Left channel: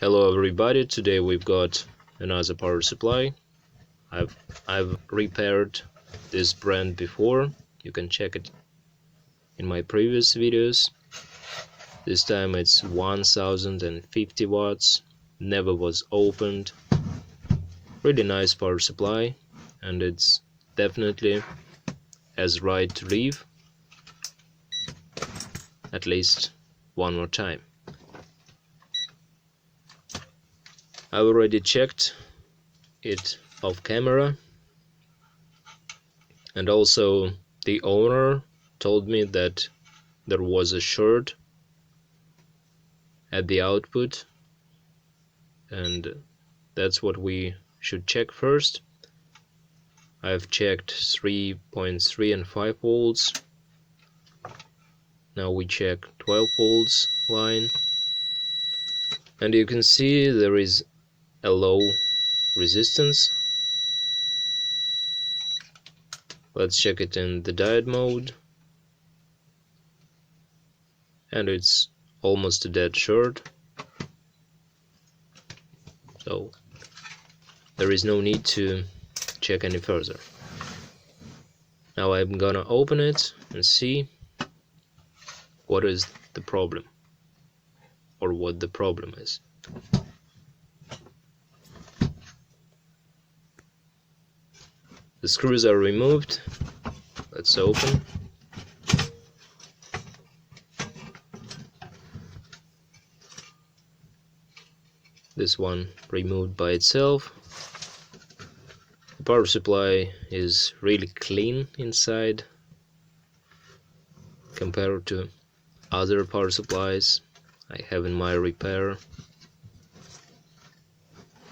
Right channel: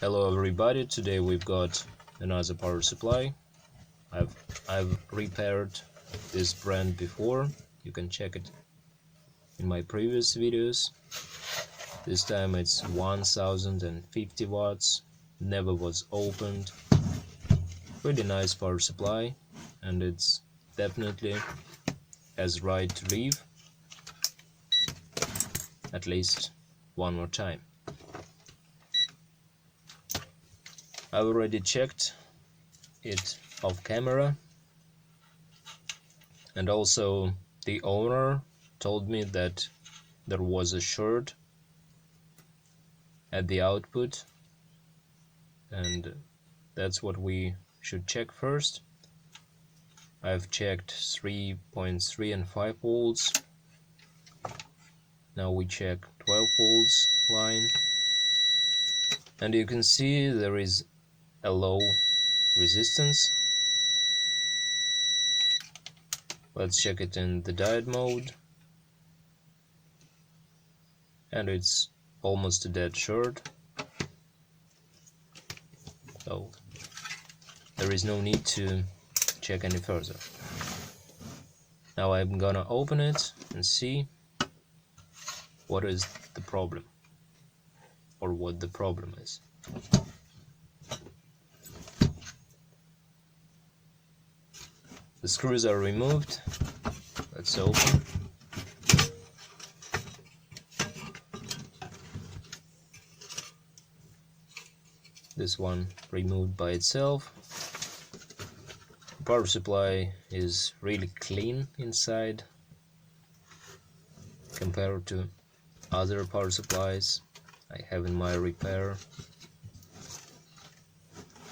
Hello everybody, today we've got another power supply. I've repaired this brand before, you can check it in my previous videos. This time it's 1050 watts, never was opened. Really nice power supply, and it's definitely has right to leave at least one more time. I've already checked it off camera, and also the owner told me that there was a short at the output, and that's what we should check first. I've checked 3.3 and 5 volts. Now we check 12 volts line, and you can see there is a low resistance. Let's check it in the diode mode, and it's almost a dead short, so there is no need to check any further. Now I'm gonna open it and see what is the problem, or what the problem is. The screws are removed. Let's open. This one removed by itself. The power supply is really clean inside compared to other power supplies I have in my repair.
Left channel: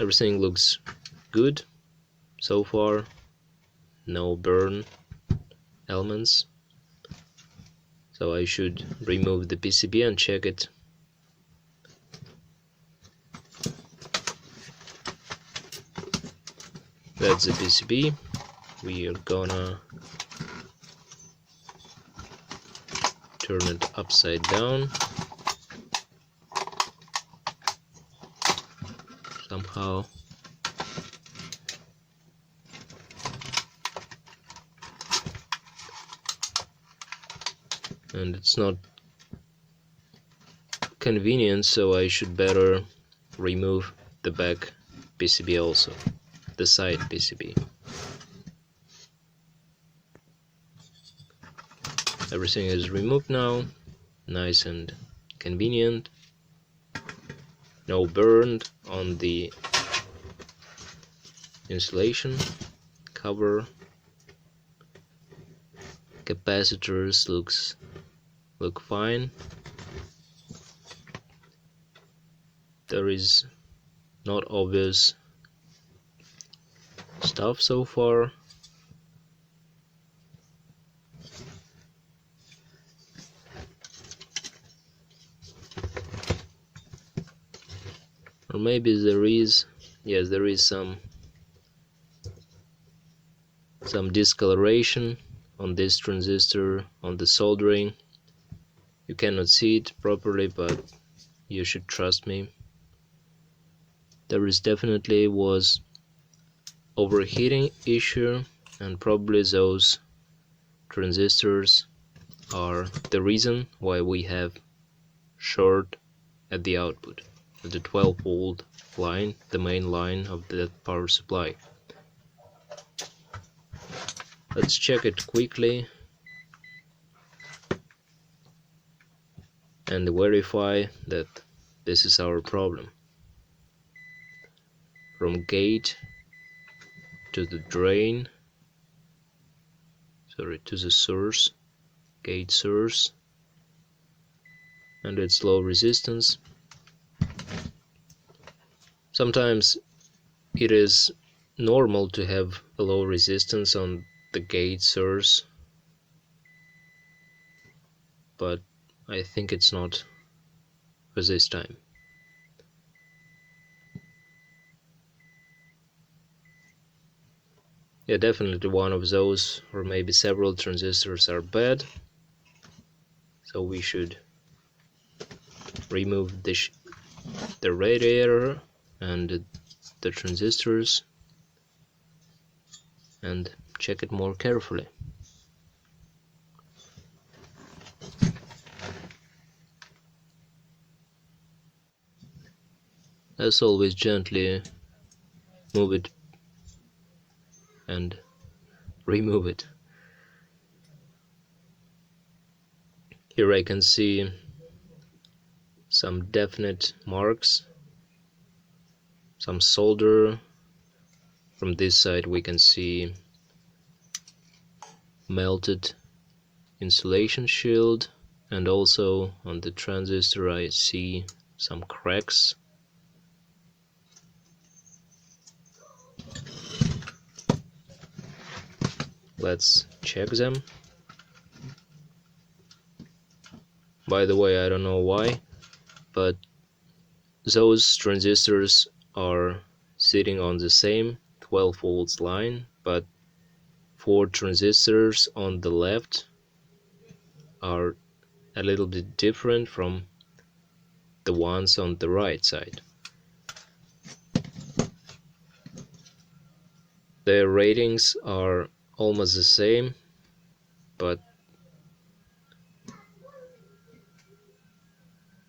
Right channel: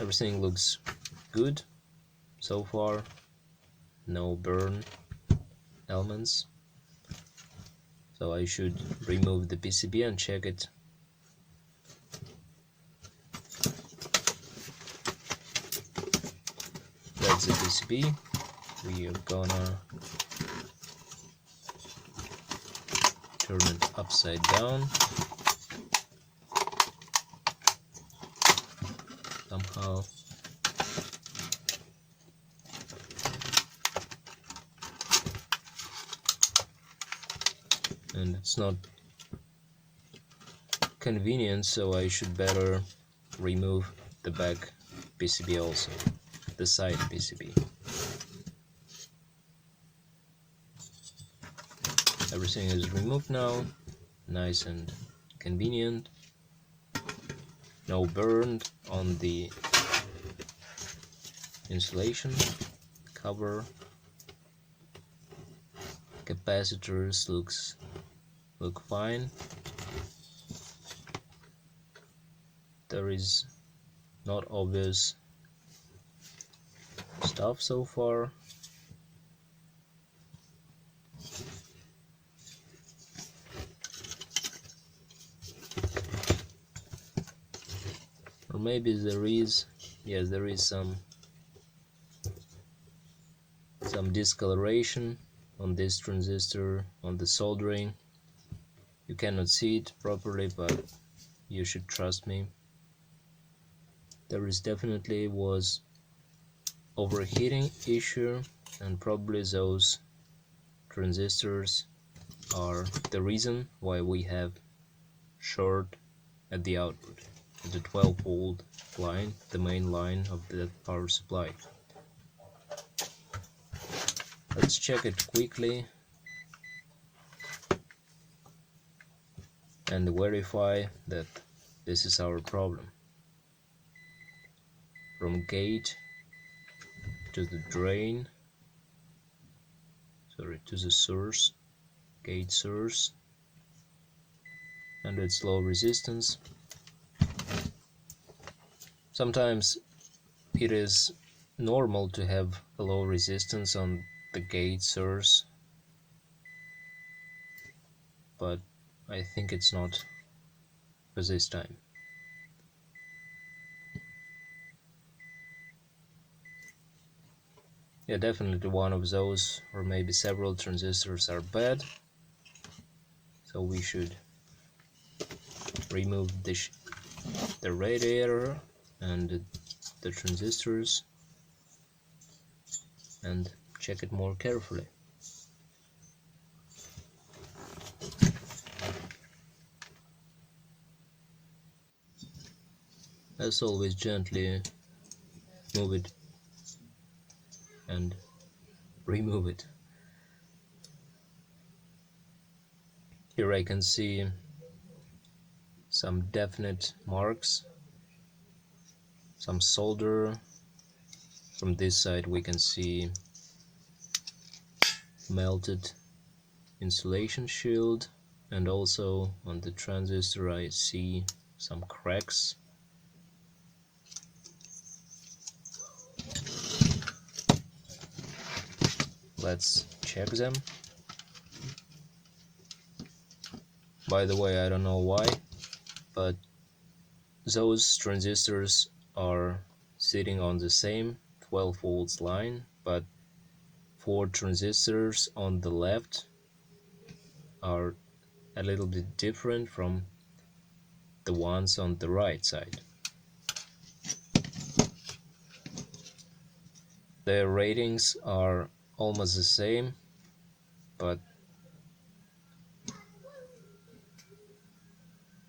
Everything looks good so far. No burn elements, so I should remove the PCB and check it. That's the PCB. We are gonna turn it upside down somehow. And it's not convenient, so I should better remove the back PCB also, the side PCB. Everything is removed now, nice and convenient. No burn on the insulation cover. Capacitors look fine. There is not obvious stuff so far. Or maybe there is, yes, there is some discoloration on this transistor, on the soldering. You cannot see it properly, but you should trust me. There is definitely was overheating issue, and probably those transistors are the reason why we have short at the output, at the 12 volt line, the main line of the power supply. Let's check it quickly and verify that this is our problem. From gate to the drain, to the source, gate source, and it's low resistance. Sometimes it is normal to have a low resistance on the gate source, but I think it's not for this time. Yeah, definitely one of those, or maybe several transistors are bad, so we should remove the radiator and the transistors and check it more carefully. As always, gently move it and remove it. Here I can see some definite marks, some solder. From this side we can see melted insulation shield, and also on the transistor I see some cracks. Let's check them. By the way, I don't know why, but those transistors are sitting on the same 12 volts line, but 4 transistors on the left are a little bit different from the ones on the right side. Their ratings are almost the same, but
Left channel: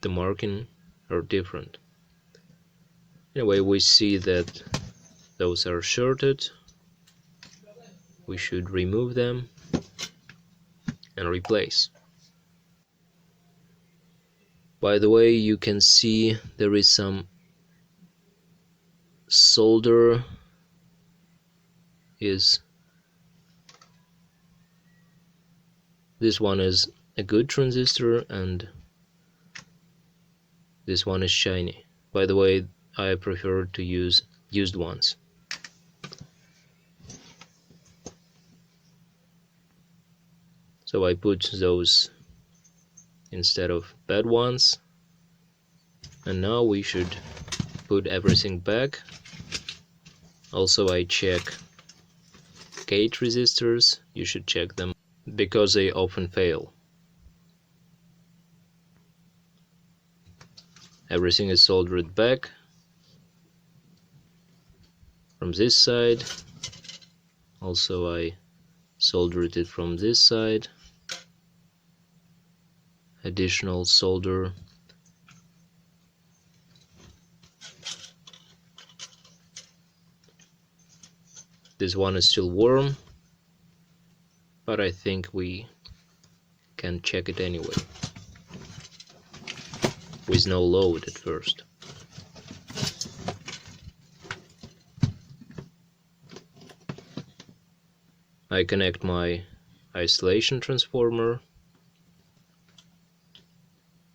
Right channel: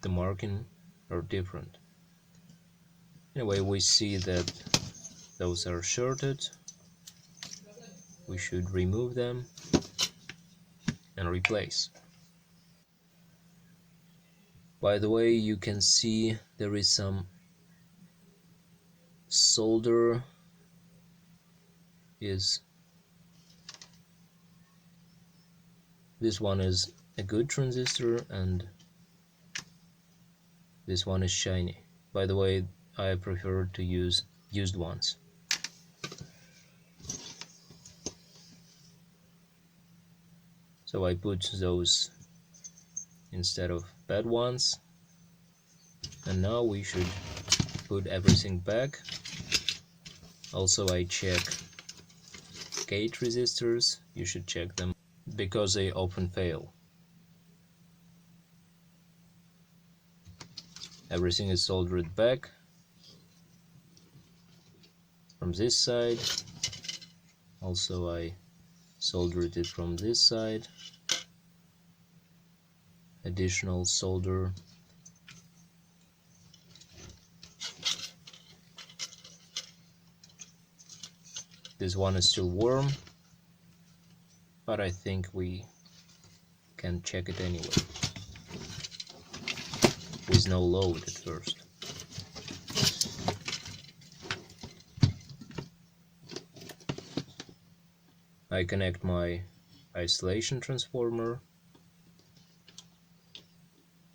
the marking are different. Anyway, we see that those are shorted. We should remove them and replace. By the way, you can see there is some solder this one is a good transistor and this one is shiny. By the way, I prefer to use used ones. So I put those instead of bad ones, and now we should put everything back. Also, I check gate resistors. You should check them because they often fail. Everything is soldered back from this side. Also, I soldered it from this side. Additional solder. This one is still warm, but I think we can check it anyway, with no load at first. I connect my isolation transformer.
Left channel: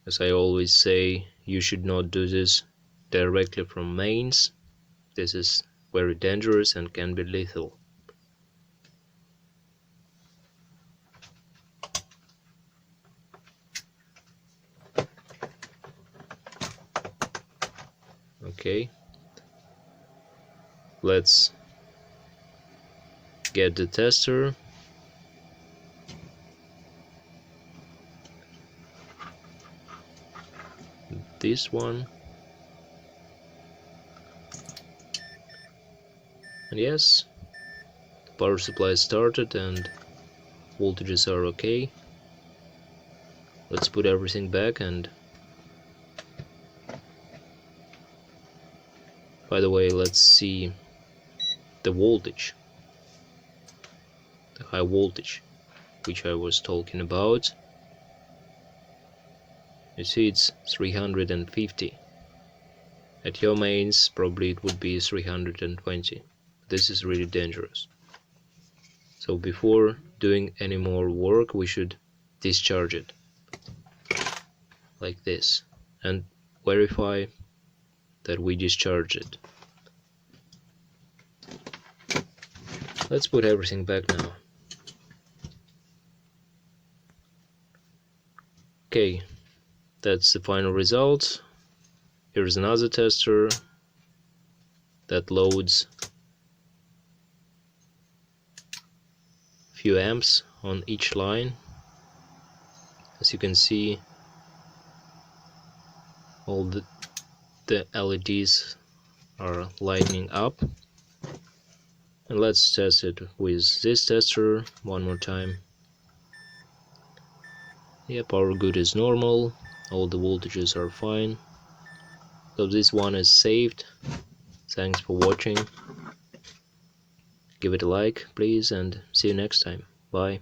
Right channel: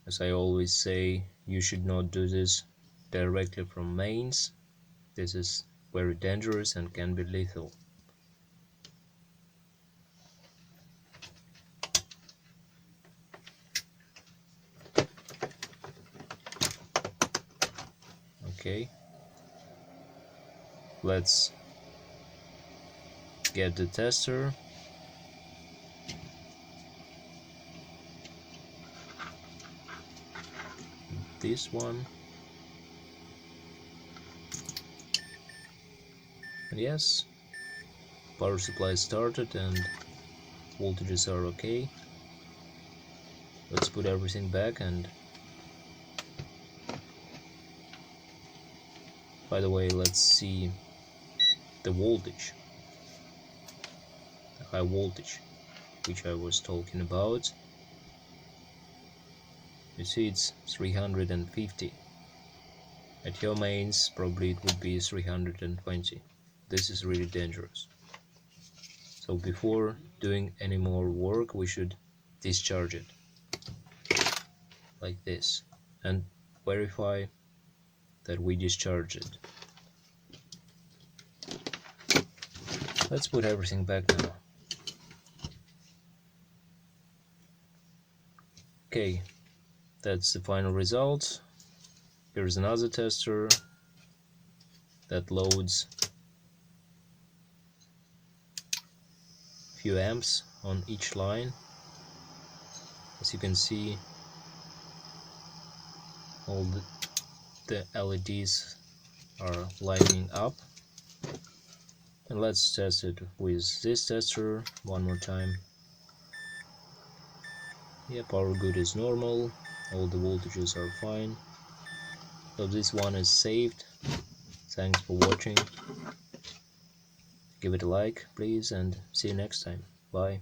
As I always say, you should not do this directly from mains. This is very dangerous and can be lethal. Okay, let's get the tester. This one. And yes, power supply started and voltages are okay. Let's put everything back. And by the way, let's see the voltage, the high voltage which I was talking about. You see it's 350. At your mains probably it would be 320. This is really dangerous. So before doing any more work we should discharge it like this and verify that we discharge it. Let's put everything back now. Okay, that's the final result. Here's another tester that loads a few amps on each line. As you can see, all the the LEDs are lighting up. And let's test it with this tester one more time. Yeah, power good is normal, all the voltages are fine. So this one is saved. Thanks for watching. Give it a like please, and see you next time. Bye.